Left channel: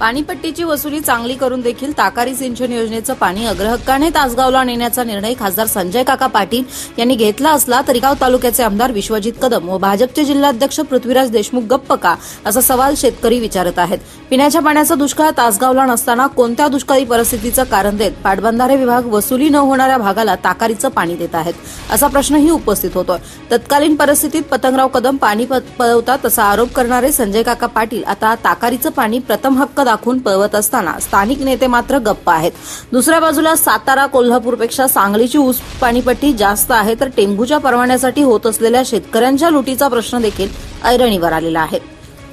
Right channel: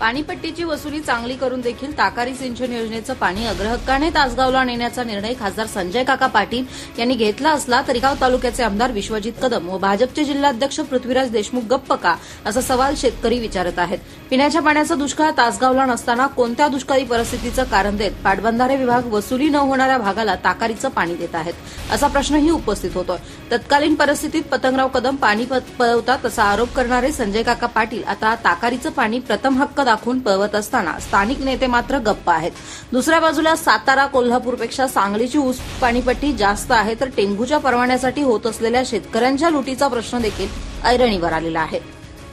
पाणीपट्टीची वसुली चांगली करून देखील ताकारी सिंचन योजनेचं पाणी अग्रहक्काने तासगावला नेण्याचा निर्णय खासदार संजय काका पाटील यांनी घेतला असला तरी गाव तालुक्याचे आमदार विश्वजित कदम व भाजपचे जिल्हाध्यक्ष पृथ्वीराज देशमुख गप्प का असा सवाल शेतकरी विचारत आहेत. पिण्याच्या पाण्याचा दुष्काळ तासगावला नसताना कोणत्या दुष्काळी परिस्थितीचं कारण देत पाटबंधारे विभाग वसुली न होणाऱ्या भागाला ताकारीचं पाणी देत आहेत? असा प्रश्नही उपस्थित होतोय. तत्कालीन परिस्थितीत पतंगराव कदम पाणी प- पळवतात असा आरोप करणारे संजय काका पाटील आता ताकारीचं पाणी प्रथम हक्क दाखवून पळवत असताना स्थानिक नेते मात्र गप्प आहेत. दुसऱ्या बाजूला सातारा कोल्हापूरपेक्षा सांगलीची ऊस पाणीपट्टी जास्त आहे तर टेंभूच्या परवान्यासाठी होत असलेल्या शेतकऱ्यांच्या लुटीचा प्रश्न देखील ऐरणीवर आलेला आहे.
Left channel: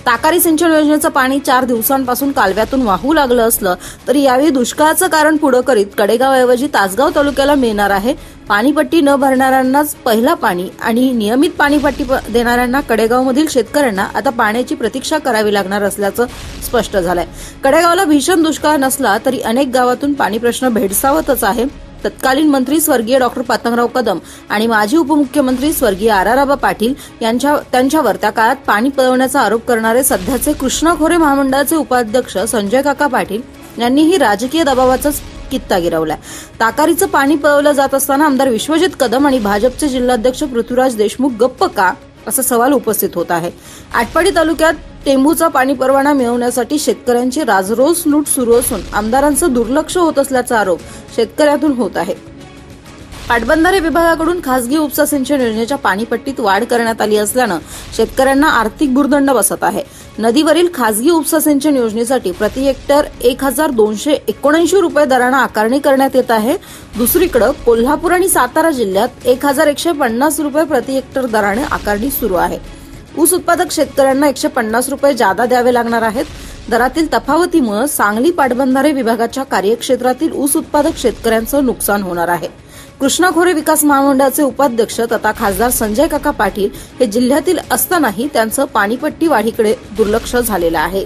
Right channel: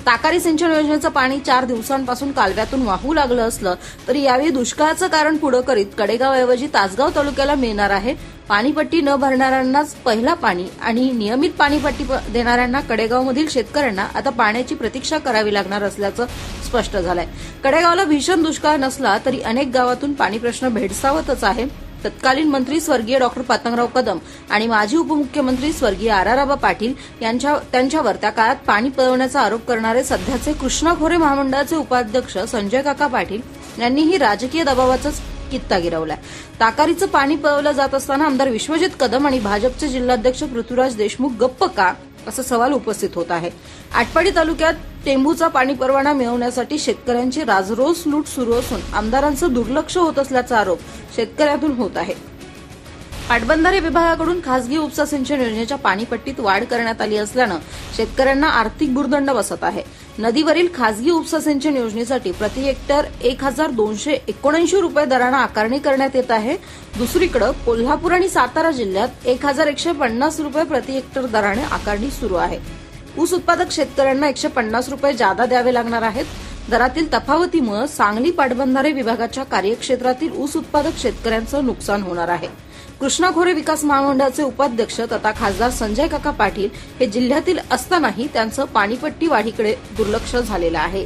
ताकारी सिंचन योजनेचं पाणी चार दिवसांपासून कालव्यातून वाहू लागलं असलं तरी यावेळी दुष्काळाचं कारण पुढं करीत कडेगावऐवजी तासगाव तालुक्याला मिळणार आहे पाणीपट्टी न भरणाऱ्यांनाच पहिला पाणी आणि नियमित पाणीपट्टी प- देणाऱ्यांना कडेगावमधील शेतकऱ्यांना आता पाण्याची प्रतीक्षा करावी लागणार असल्याचं स्पष्ट झालंय. कडेगावला भीषण दुष्काळ नसला तरी अनेक गावातून पाणी प्रश्न भेडसावतच आहे. तत्कालीन मंत्री स्वर्गीय डॉक्टर पातंगराव कदम आणि माजी उपमुख्यमंत्री स्वर्गीय आराराबा पाटील यांच्या त्यांच्यावर त्या काळात पाणी पळवण्याचा आरोप करणारे सध्याचे कृष्णा खोरे महामंडळाचे उपाध्यक्ष संजय काका पाटील यांनीही राजकीय दबावाचाच कित्ता गिरवलाय ताकारीचं पाणी पळवलं जात असताना आमदार विश्वजित कदम आणि भाजपचे जिल्हाध्यक्ष पृथ्वीराज देशमुख गप्प का? असा सवाल उपस्थित होत आहे. आटपाडी तालुक्यात टेंभूचा पाणी परवाना मिळवण्यासाठी शेतकऱ्यांची राजरोस लूट सुरू असून आमदारांचं दुर्लक्ष होत असल्याचा आरोप शेतकऱ्यातून होत आहे. पाटबंधारे विभागाकडून खासगी उपसा सिंचन योजनेच्या पाणीपट्टीत वाढ करण्यात आली असल्यानं शेतकऱ्यांना आर्थिक भूर्दंड बसत आहे. नदीवरील खासगी उपसा सिंचन योजनेसाठी प्रति हेक्टर एक हजार दोनशे एकोणऐंशी रुपये दरानं आकारणी करण्यात येत आहे. दुसरीकडे कोल्हापूर आणि सातारा जिल्ह्यात एक हजार एकशे पन्नास रुपये प्रति हेक्टर दराने आकारणी सुरू आहे. ऊस उत्पादक शेतकऱ्यांना एकशे पन्नास रुपये जादा द्यावे लागणार आहेत. दरातील तफावतीमुळे सांगली पाटबंधारे विभागाच्या कार्यक्षेत्रातील ऊस उत्पादक शेतकऱ्यांचं नुकसान होणार आहे. कृष्णा खोरे विकास महामंडळाचे उपाध्यक्ष तथा खासदार संजय काका पाटील हे जिल्ह्यातील असतानाही त्यांचं पाणीपट्टी वाढीकडे दुर्लक्ष झालेलं आहे.